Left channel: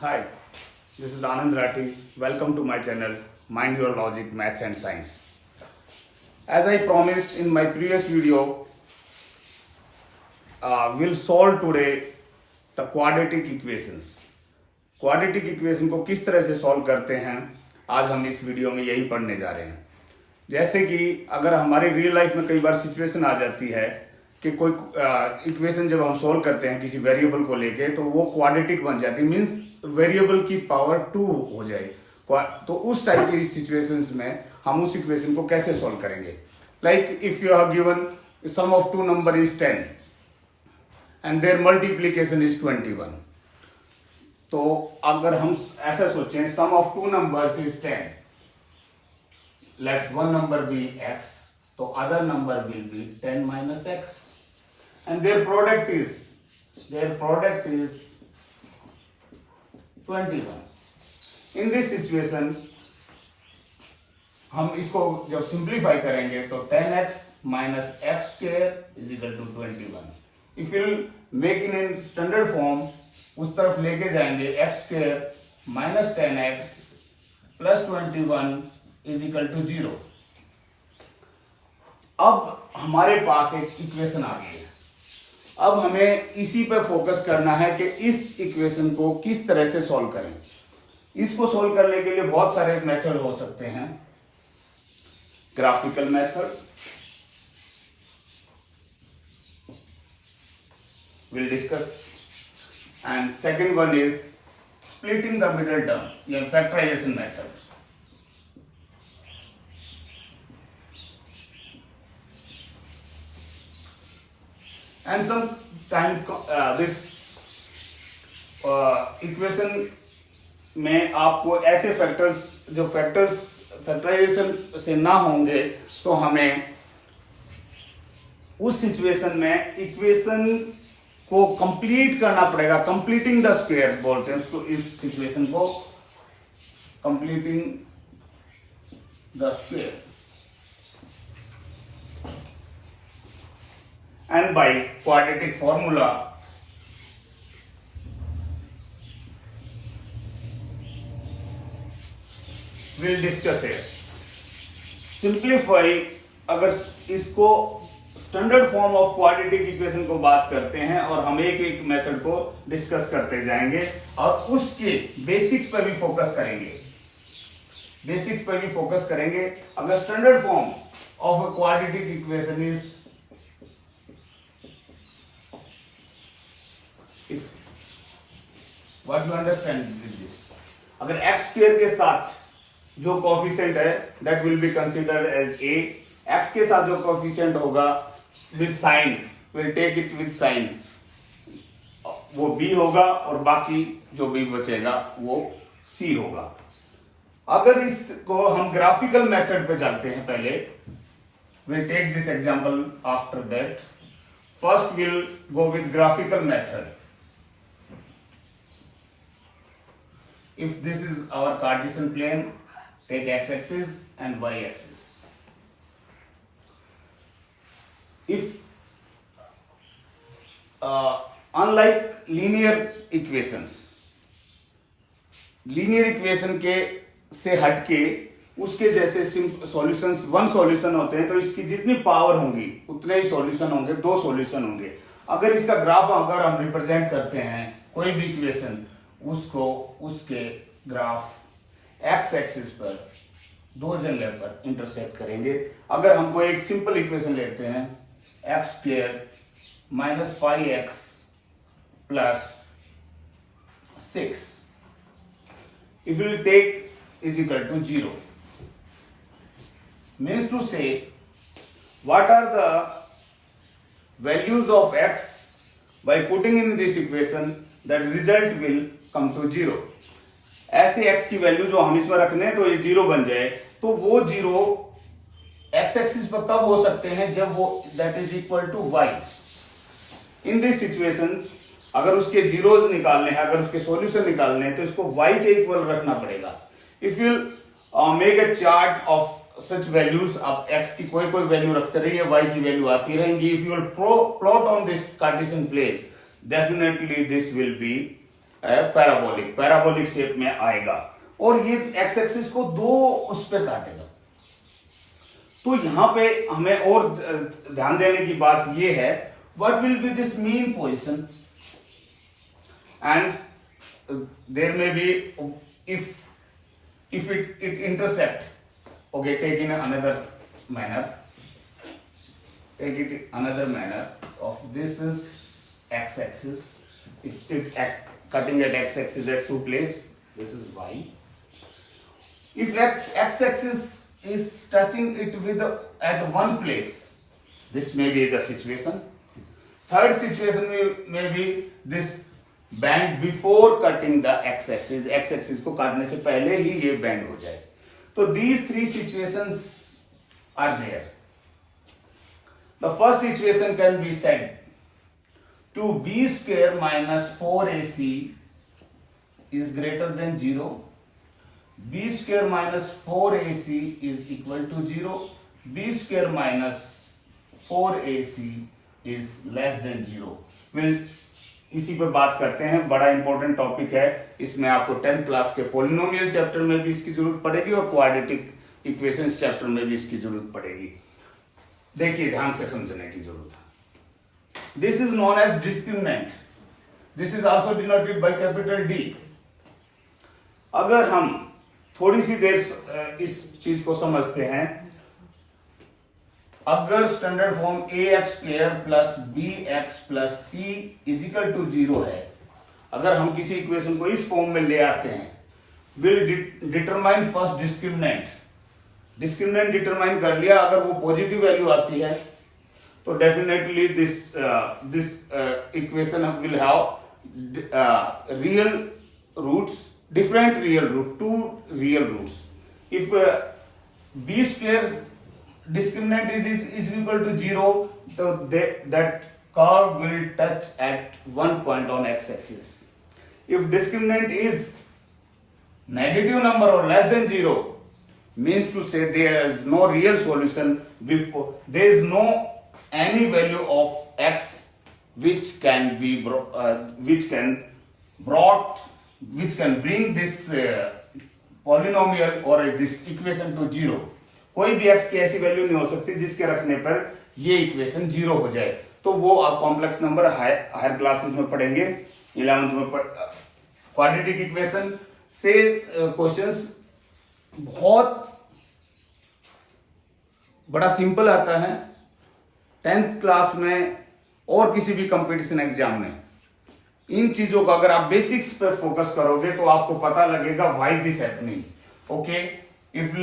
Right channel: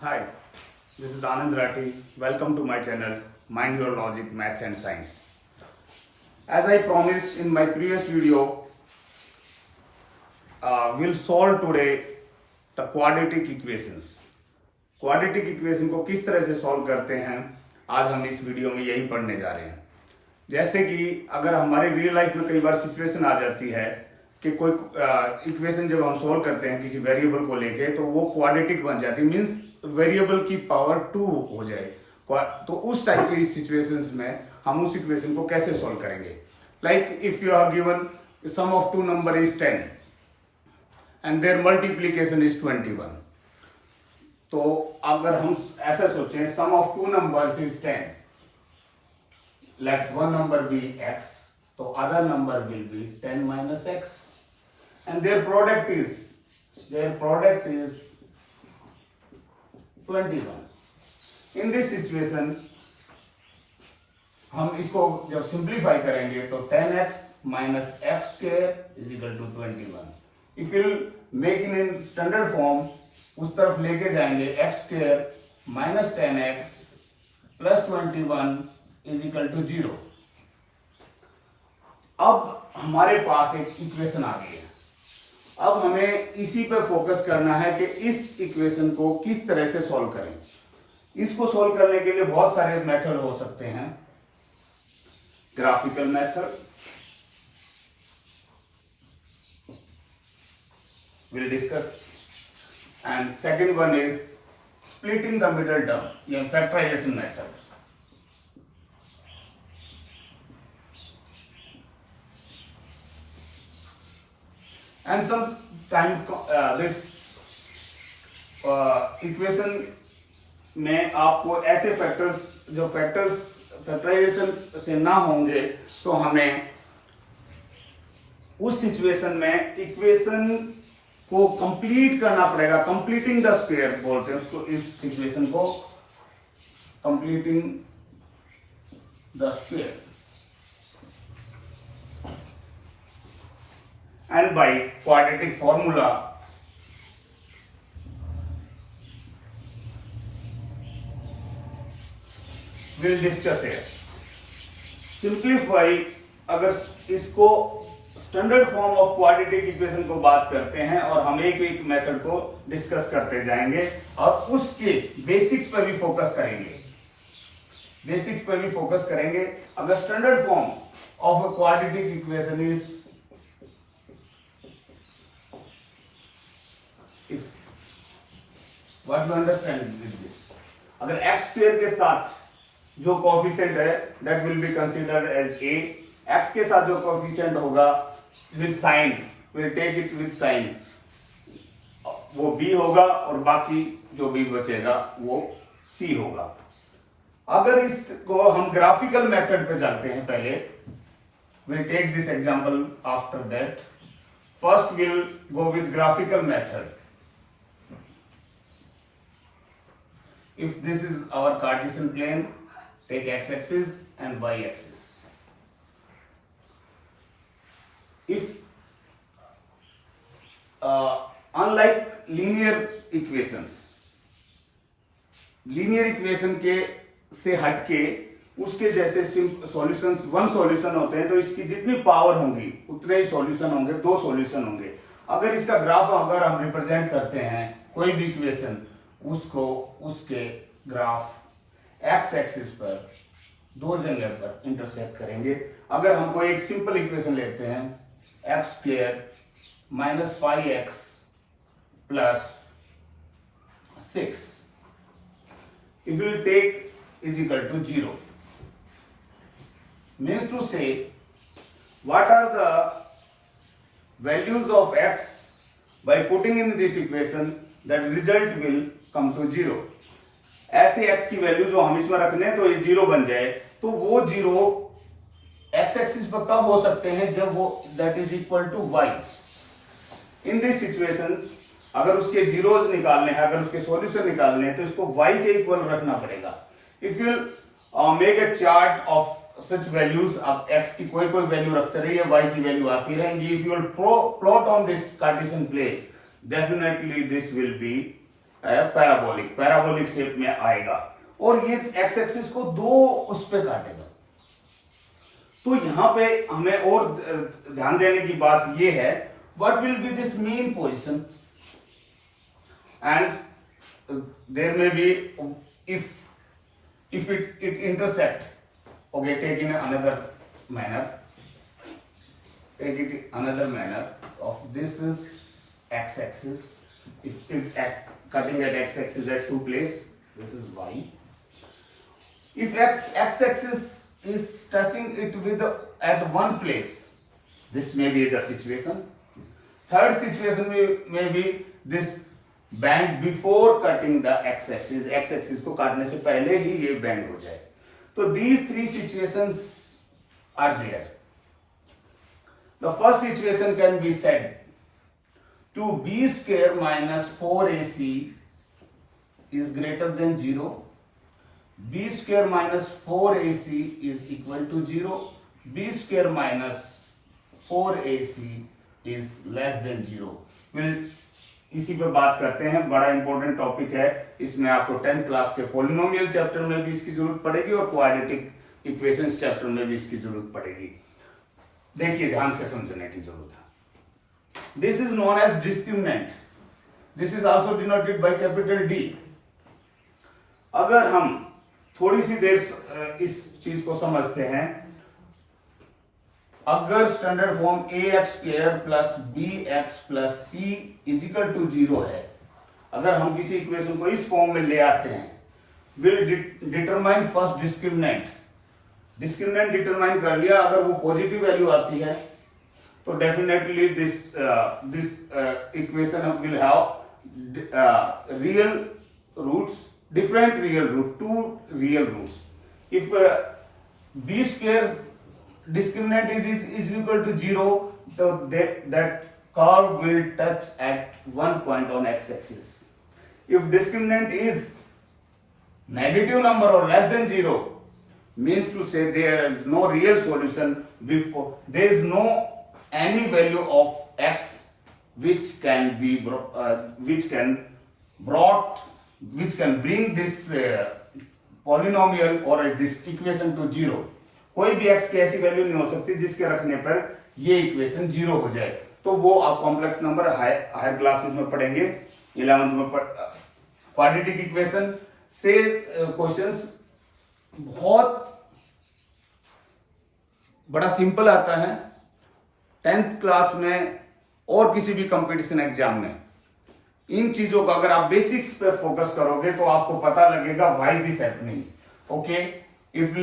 Hi, this is Anand Rathi. Welcome to my channel, Mind Your Logic, Maths and Science. As I promised in my previous video, we'll solve today the quadratic equations. Quadratic equation को किस तरह से solve करते हैं आज हम इस video में यही पढ़ने जा रहे हैं। जैसे कि अगर हमारे रियल लाइफ में कई बार सिचुएशन आ जाती है कि कोई इक्वेशन जब हम सॉल्व करते हैं किसी वेरिएबल को लेके तो वो क्वाड्रेटिक बन जाती है, मीन्स वेरिएबल की पावर 2 हो जाए। तो उस टाइप की सिचुएशंस में हम उस इक्वेशन को कैसे सॉल्व करेंगे। Like if you are given sum of two number is 10 and there multiplication is 21, तो अगर हम ऐसा सोचें sum of two numbers is 10, let's one number be x, तो other number will be 10 minus x and their product is 21. In this situation हम इसको जब simplify करेंगे तो 10x minus x square is equal to 21. If you make it in standard form, उस तरफ लेके जाएंगे x square minus 10x plus 21 is equal to 0. अब हमारे पास एक इक्वेशन आ गई है। अब हमें इसी पे फोकस करना है कि इस इक्वेशन को किस तरह से सॉल्व करें। इसको सॉल्व करने के लिए बहुत सारे मेथड हो सकते हैं। Graphical method we'll discuss, and second one is splitting the middle term या factorization method. And sometimes this equation में आपको ऐसे फैक्टर्स जो फैक्टर्स फैक्टराइजेशन से ना होंगे तो हमें उस सिचुएशन में इक्वेशन को कंप्लीट करना पड़ेगा। कंप्लीटिंग द स्क्वायर बोलते हैं उसको, इस सिचुएशन को completing the square. And by quadratic formula we'll discuss here. Simplify, अगर इसको standard form of quadratic equation को बात करते हैं और हम एक एक मेथड को डिस्कस करते जाएंगे और उसके बेसिक्स पर भी फोकस करेंगे। अगर standard form of a quadratic equation is What to understand with this? अगर x स्क्वायर के साथ जो कोफिशिएंट है that will be considered as a, x के साथ जो कोफिशिएंट होगा with sign, we'll take it with sign, वो b होगा और बाकी जो b बचेगा वो c होगा। अगर इसको हम ग्राफिकल मेथड पे चलते हैं पहले, we'll take this example after that. First we'll go with graphical method. If this is our Cartesian plane, take x-axis and y-axis. If unlike linear equation के से हटके उसके जैसे सॉल्यूशंस वन सॉल्यूशन होते हैं तो इसकी जितनी पावर होंगी उतने ही सॉल्यूशन होंगे, दो सॉल्यूशन होंगे। अगर इसका ग्राफ अगर हम रिप्रेजेंट करते हैं कोई भी इक्वेशन, उसको उसके ग्राफ एक्स एक्सिस पर दो जगह पर इंटरसेक्ट करेंगे। अगर हमको एक सिंपल इक्वेशन लेते हैं x square minus 5x plus 6, if you take is equal to 0, means to say what are the values of x by putting in this equation, that result will come to 0. ऐसे x की value जो हम इसमें रखने हैं तो ये 0 बन जाए, तो वो 0 x एक्सिस पर कब हो सकते हैं जब वो that is equal to y. In this situations अगर उसके जीरोज निकालने हैं, अगर उसके सॉल्यूशन निकालने हैं तो इसको y के इक्वल रखना पड़ेगा। If you make a chart of such values, आप x की कोई वैल्यू रखते रहिए, y की वैल्यू आती रहेंगी। If you will plot on this Cartesian plane, definitely this will be parabolic shape में आएगा और ये एक्स एक्सिस को दो उस पे काटेगा। तो यहां पे हमें और ध्यान देने की बात ये है, what will be this mean position and there में be if it intersect, okay, take in another manner, take it another manner of this is x axis. If it cutting at x axis at two place, this is y. If x axis is touching it with at one place, this may be the situation. Third situation may be this band before cutting the x axis, x axis को काटने से पहले ही ये band हो जाए। तो these three situations are there. The first situation can be said to B square minus 4ac is greater than 0, B square minus 4ac is equal to 0, B square minus 4ac is less than 0। Will इसी पे बात करते हैं। बड़ा important topic है, इसमें आपको 10th class के पॉलिनोमियल चैप्टर में भी इसकी जरूरत पड़ेगी और क्वाड्रेटिक इक्वेशंस चैप्टर में भी इसकी जरूरत पड़ेगी। देखिए, ध्यान से समझने की जरूरत है। This is known as discriminant, this is also denoted by capital D. अगर हम थोड़ी सी देर इस चीज को समझते हैं, अगर standard form ax² plus bx plus c is equal to 0 है, अगर हम किसी इक्वेशन को इस फॉर्म में ले आते हैं, will determine first discriminant. Discriminant determine कर लिया, अगर वो पॉजिटिव वैल्यू आती है तो definitely this equation will have real roots, different real root, two real roots. If b² discriminant is equal to 0, so that curve will touch at one point on x-axis. If discriminant is negative number or less than 0, means to say there is no real solution before, there is no any value of x which can be which can bring this polynomial or this equation to 0. कोई भी x की ऐसी value नहीं हो सकती जिसके रखने पर ये इक्वेशन 0 हो जाए। तो वो आप कॉम्प्लेक्स नंबर हायर क्लासेस में पढ़ेंगे, 11th में क्वाड्रेटिक इक्वेशन से क्वेश्चंस बहुत बड़ा सिंपल आता है। 10th क्लास में और किसी भी कंपटीशन एग्जाम में इन चीजों का अगर आप बेसिक्स पे फोकस करोगे तो आपको पता लगेगा why this happening. Okay, if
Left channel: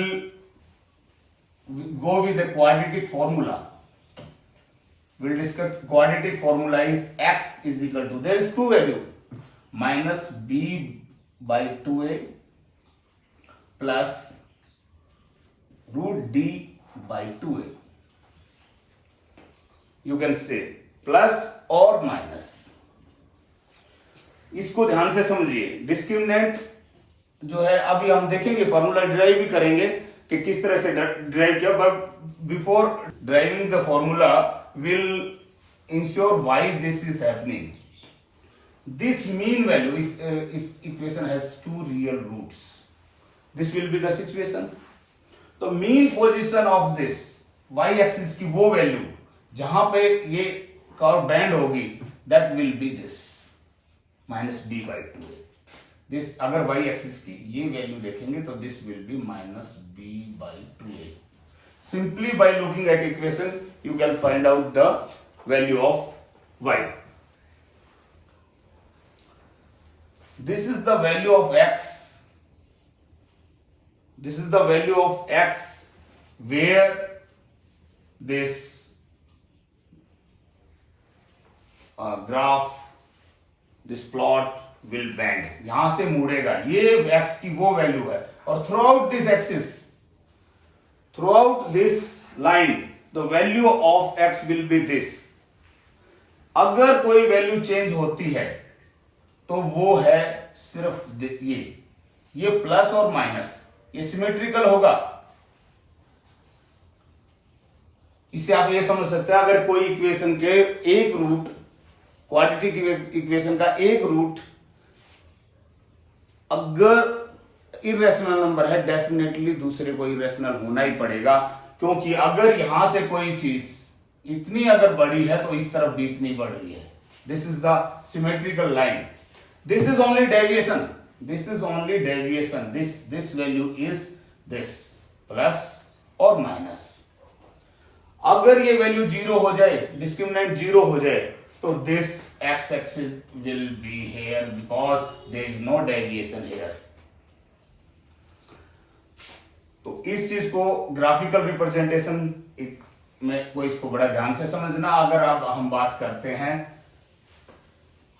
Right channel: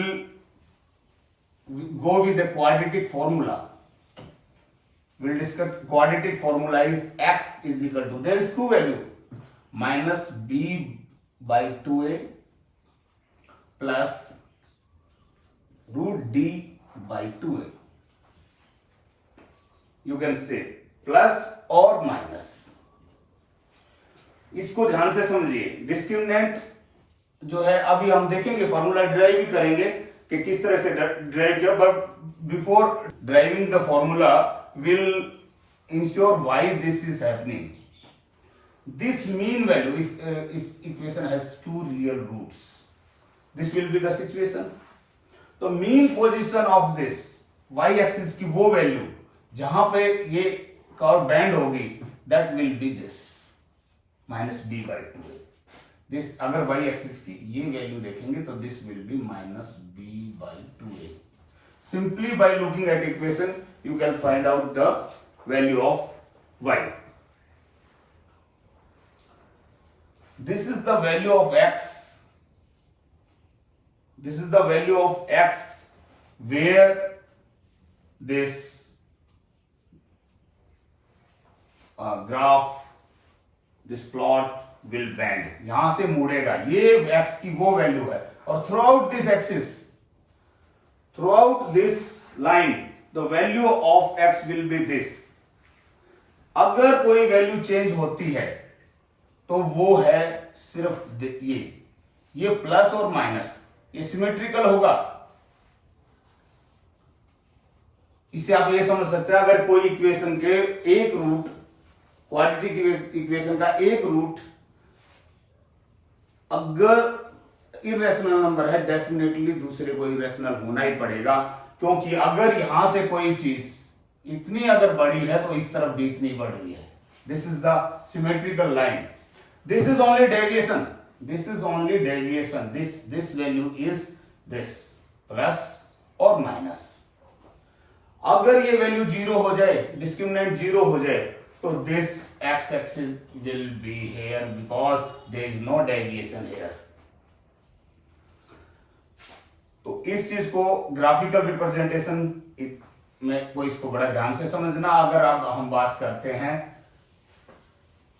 go with the quadratic formula, we'll discuss quadratic formula is x is equal to, there is two value, minus b by 2a plus root d by 2a. You can say plus or minus। इसको ध्यान से समझिए। Discriminant जो है, अभी हम देखेंगे, formula derive भी करेंगे कि किस तरह से ड्राइव किया, but before driving the formula will ensure why this is happening. This mean value, if equation has two real roots, this will be the situation. तो mean position of this y axis की वो value जहां पे ये curve bend होगी, that will be this minus b by 2a। This अगर y axis की ये वैल्यू देखेंगे तो this will be minus b by 2a। Simply by looking at equation you can find out the value of y। This is the value of x, this is the value of x where this graph, this plot will bend, यहां से मुड़ेगा, ये x की वो value है। और throughout this axis, throughout this line, the value of x will be this। अगर कोई value change होती है तो वो है सिर्फ ये प्लस और माइनस, ये सिमेट्रिकल होगा। इससे आप ये समझ सकते हैं, अगर कोई इक्वेशन के एक रूट, क्वाड्रेटिक इक्वेशन का एक रूट अगर इरेशनल नंबर है डेफिनेटली दूसरे को इरेशनल होना ही पड़ेगा, क्योंकि अगर यहां से कोई चीज इतनी अगर बड़ी है तो इस तरफ भी इतनी बढ़ रही है। This is the symmetrical line, this is only deviation, this is only deviation, this value is this plus और माइनस। अगर ये वैल्यू जीरो हो जाए, डिस्क्रिमिनेंट जीरो हो जाए, तो this X axis will be here because there is no deviation here. तो इस चीज को ग्राफिकल रिप्रेजेंटेशन में को इसको बड़ा ध्यान से समझना। अगर अब हम बात करते हैं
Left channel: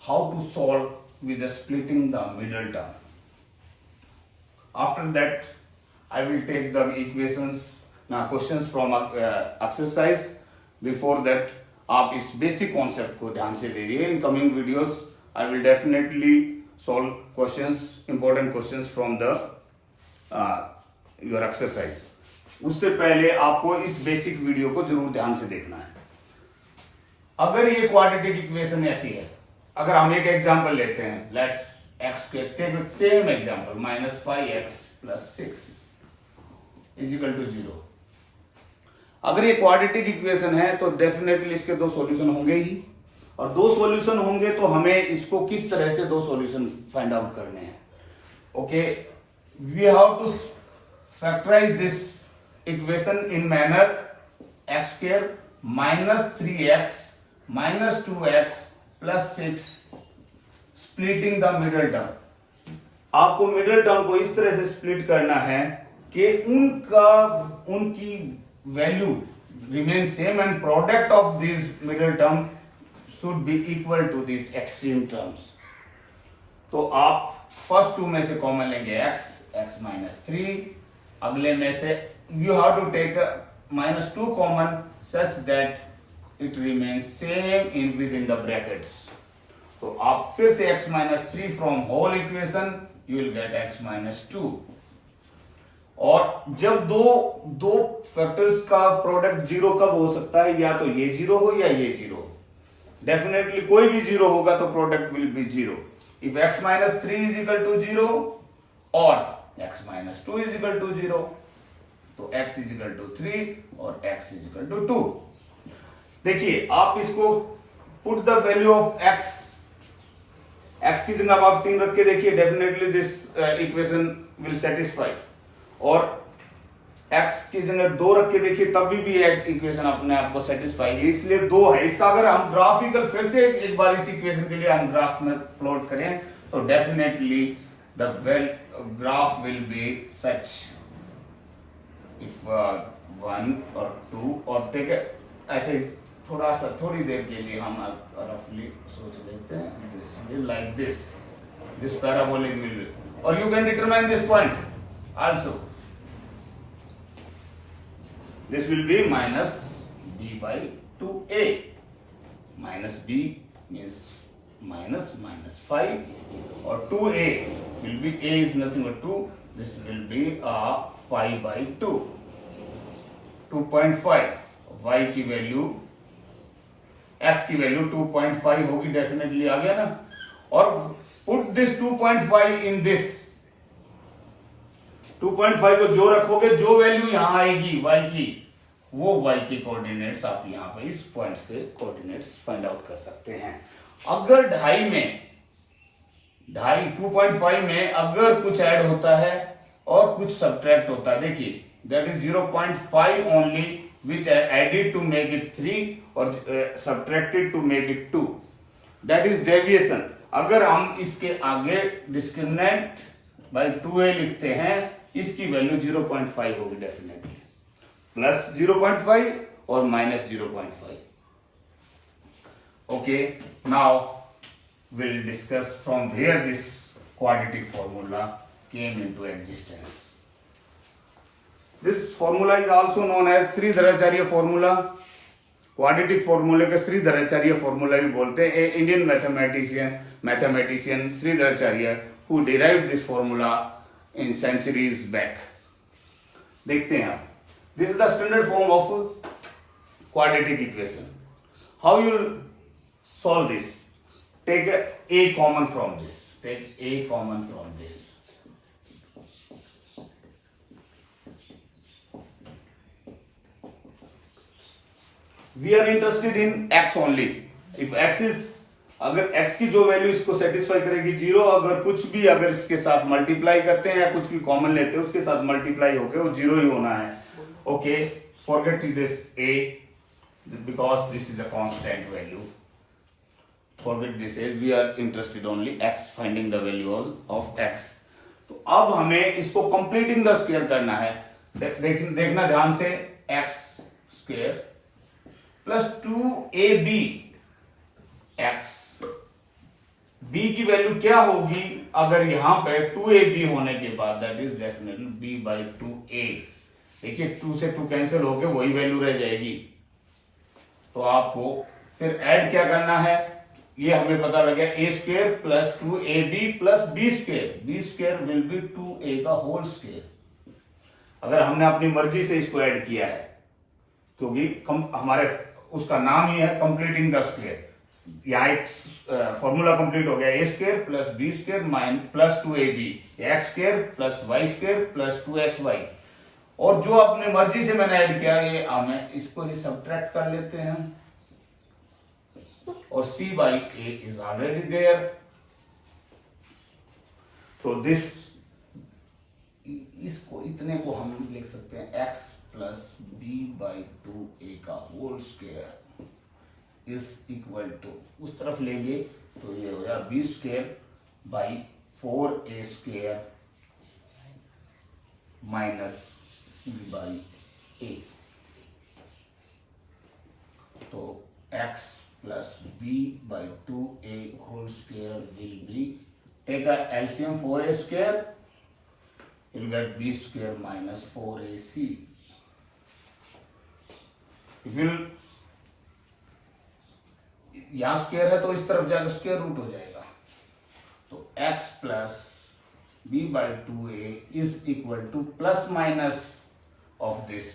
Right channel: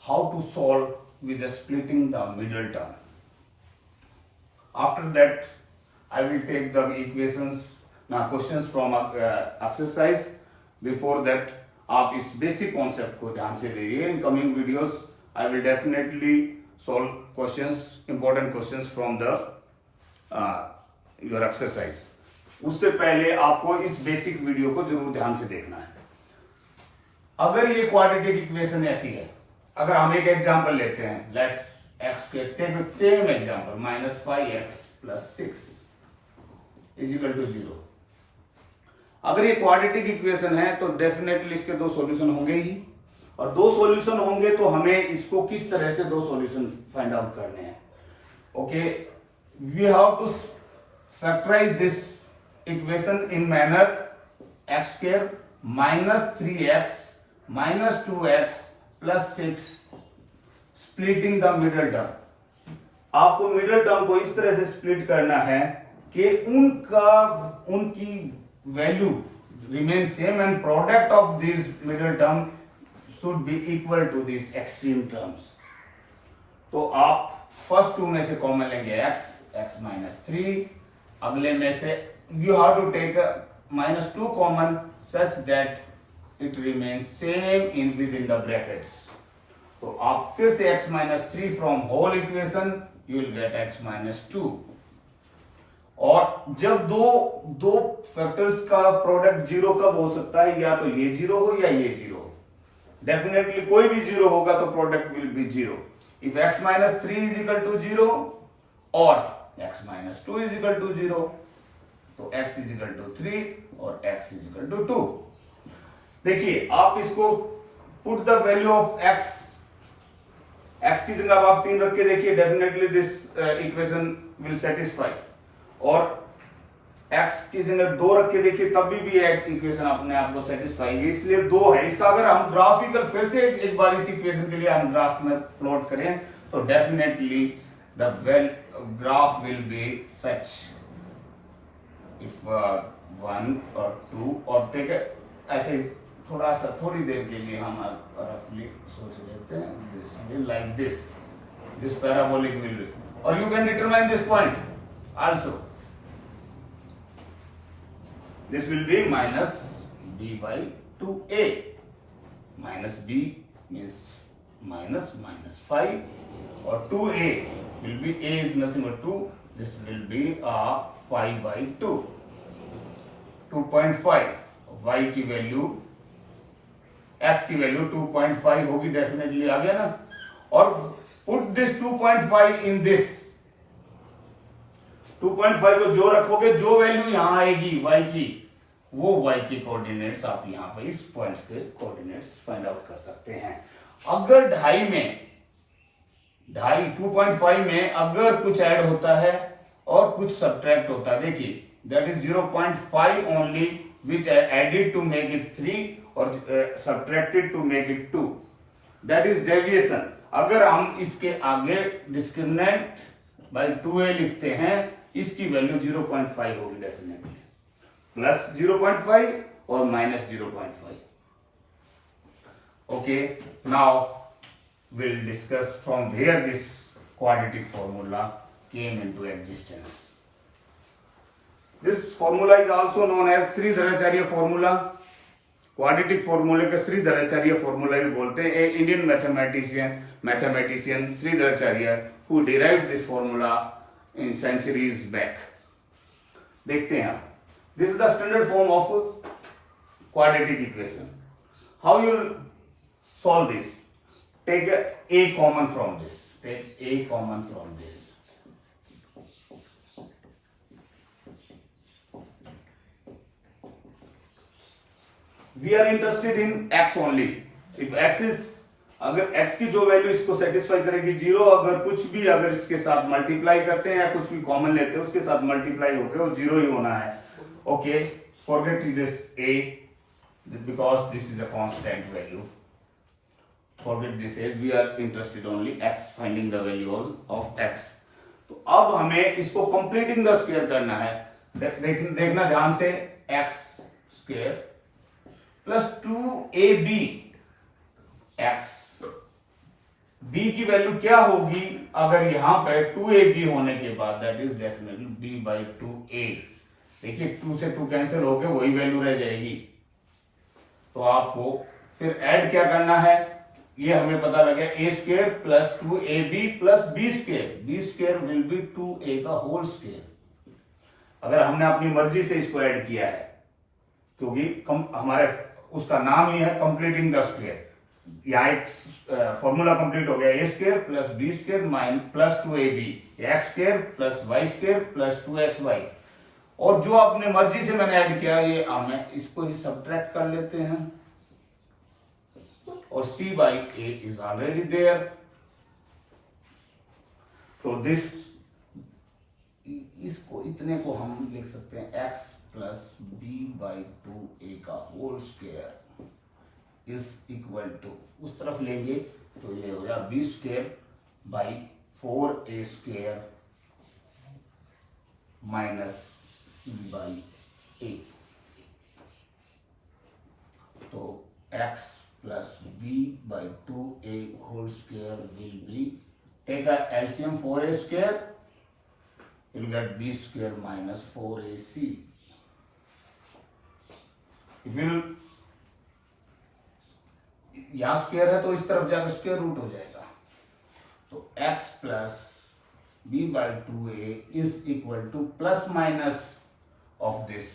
how to solve with splitting the middle term, after that I will take the equations ना questions from exercise. Before that आप इस बेसिक कॉन्सेप्ट को ध्यान से देखिए। In coming videos I will definitely solve questions, important questions from the your exercise. उससे पहले आपको इस बेसिक वीडियो को जरूर ध्यान से देखना है। अगर ये क्वाड्रेटिक इक्वेशन ऐसी है, अगर हम एक एग्जांपल लेते हैं, let's X take same example -5x + 6 = 0। अगर ये क्वाड्रेटिक इक्वेशन है तो डेफिनेटली इसके दो सॉल्यूशन होंगे ही, और दो सॉल्यूशन होंगे तो हमें इसको किस तरह से दो सॉल्यूशन फाइंड आउट करने हैं। Okay, we have to factorise this equation in manner x² -3x -2x + 6 splitting the middle term. आपको मिडल टर्म को इस तरह से स्प्लिट करना है कि उनकी value remain same and product of this middle term should be equal to this extreme terms. तो आप फर्स्ट टू में से कॉमन लेंगे x -3, अगले में से you have to take -2 common such that it remains same in with in the brackets. तो आप फिर से x -3 from whole equation you will get x -2। और जब दो फैक्टर्स का प्रोडक्ट जीरो कब हो सकता है, या तो ये जीरो हो या ये जीरो हो। डेफिनेटली कोई भी जीरो होगा तो product will be zero. If x -3 = 0 और x -2 = 0, तो x = 3 और x = 2। देखिए आप इसको put the value of x की जगह आप 3 रख के देखिए, definitely this equation will satisfy. और x की जगह 2 रख के देखिए, तब भी इक्वेशन अपने आप को सेटिस्फाई है, इसलिए 2 है। इसका अगर हम ग्राफिकल फिर से एक बार इस इक्वेशन के लिए हम ग्राफ में प्लॉट करें तो definitely the graph will be such. If 1 और 2 और टेक ऐसे थोड़ा सा थोड़ी देर के लिए हम रफली सोच लेते हैं, this will like this parabolic will be, और you can determine this point also. This will be -b/2a. -b means -5, or 2a will be, a is nothing but 2. This will be 5/2. 2.5 y की value, x की value 2.5 होगी, definitely आ गया ना। और put this 2.5 in this 2.5 को जो रखोगे, जो वैल्यू यहां आएगी y की, वो y के कोऑर्डिनेट्स आप यहां पर इस पॉइंट्स के कोऑर्डिनेट्स फाइंड आउट कर सकते हैं। अगर 2.5 में अगर कुछ ऐड होता है और कुछ सब्ट्रैक्ट होता है, देखिए that is 0.5 only which added to make it 3 और subtracted to make it 2, that is deviation. अगर हम इसके आगे डिस्क्रिमिनेंट बाय 2a लिखते हैं, इसकी वैल्यू 0.5 होगी डेफिनेटली, प्लस 0.5 और -0.5। Okay, now we'll discuss from where this quadratic formula came into existence. This formula is also known as Sridharacharya formula. Quadratic फॉर्मूले के श्रीधराचार्य फॉर्मूला भी बोलते हैं। A Indian mathematician Sridharacharya who derived this formula in centuries back. देखते हैं आप, this is the standard form of quadratic equation. How you will solve this? Take a common from this. Take a common from this. We are interested in X only. If X is, अगर X की जो value इसको satisfy करेगी 0, अगर कुछ भी अगर इसके साथ मल्टीप्लाई करते हैं या कुछ भी कॉमन लेते हैं उसके साथ मल्टीप्लाई होकर वो 0 ही होना है। Okay, forget this a because this is a constant value. Forget this as we are interested only x, finding the value of x. तो अब हमें इसको कंप्लीटिंग द स्क्वायर करना है। देखना ध्यान से, x square plus 2ab x, b की वैल्यू क्या होगी अगर यहां पे 2ab होने के बाद, that is definitely b by 2a। देखिए 2 से 2 कैंसिल होकर वही वैल्यू रह जाएगी। तो आपको फिर ऐड क्या करना है, ये हमें पता लग गया, a square plus 2ab plus b square, b square will B 2a का होल स्क्वायर। अगर हमने अपनी मर्जी से इसको ऐड किया है, क्योंकि हमारे उसका नाम ही है कंप्लीटिंग द स्क्वायर। यहाँ एक फॉर्मूला कंप्लीट हो गया, a square plus b square minus plus 2ab, x square plus y square plus 2xy। और जो अपने मर्जी से मैंने ऐड किया, ये हमें इसको ही सब्ट्रैक्ट कर लेते हैं और c by a is already there. तो दिस, इसको इतने को हम लिख सकते हैं x plus b by 2a का whole square is equal to, उस तरफ लेंगे तो ये हो गया b square by 4a square minus c by a। तो x plus b by 2a whole square will be, take a LCM 4a square, you'll get b square minus 4ac. If you, यहां square है तो इस तरफ जाकर square root हो जाएगा। तो x plus b by 2a is equal to plus minus of this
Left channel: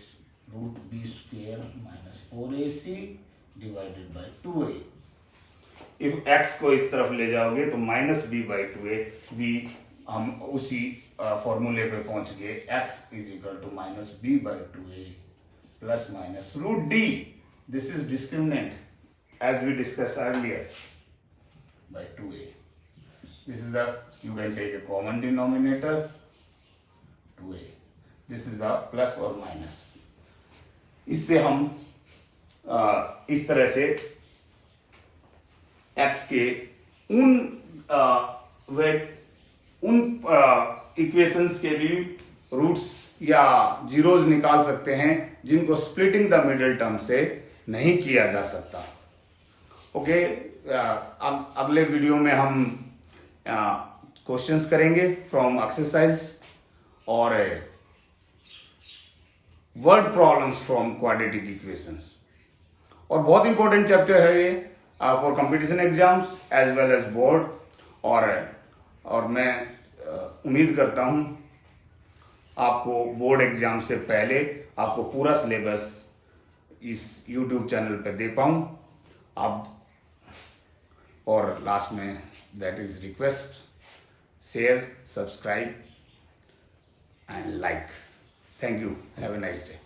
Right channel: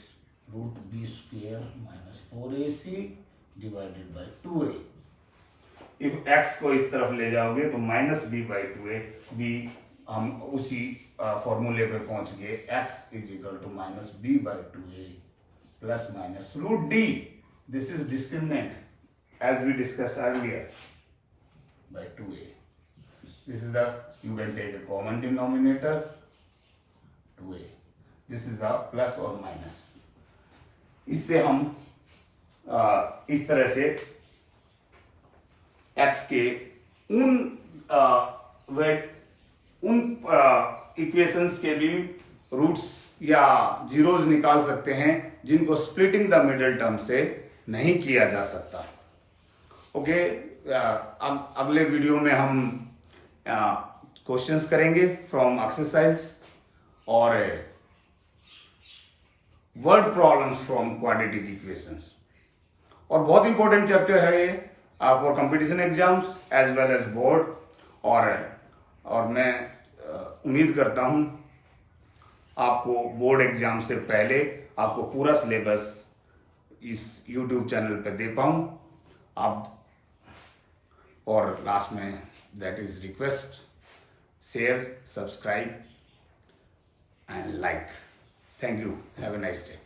root b square minus 4ac divided by 2a। If x को इस तरफ ले जाओगे तो minus b by 2a, b हम उसी फॉर्मूले पे पहुंच गए, x is equal to minus b by 2a plus minus root d, this is discriminant as we discussed earlier, by 2a। This is the, you can take a common denominator 2a, this is the plus और minus. इससे हम इस तरह से x के उन equations के भी रूट्स या जीरोज निकाल सकते हैं जिनको स्प्लिटिंग द मिडिल टर्म से नहीं किया जा सकता। ओके, अगले वीडियो में हम क्वेश्चंस करेंगे फ्रॉम एक्सरसाइज और word problems from quadratic equations. और बहुत इंपॉर्टेंट चैप्टर है ये for competition exams as well as board. और मैं उम्मीद करता हूं आपको बोर्ड एग्जाम से पहले आपको पूरा सिलेबस इस YouTube चैनल पे दे पाऊं आप। और लास्ट में that is request, share, subscribe and like. Thank you, have a nice day.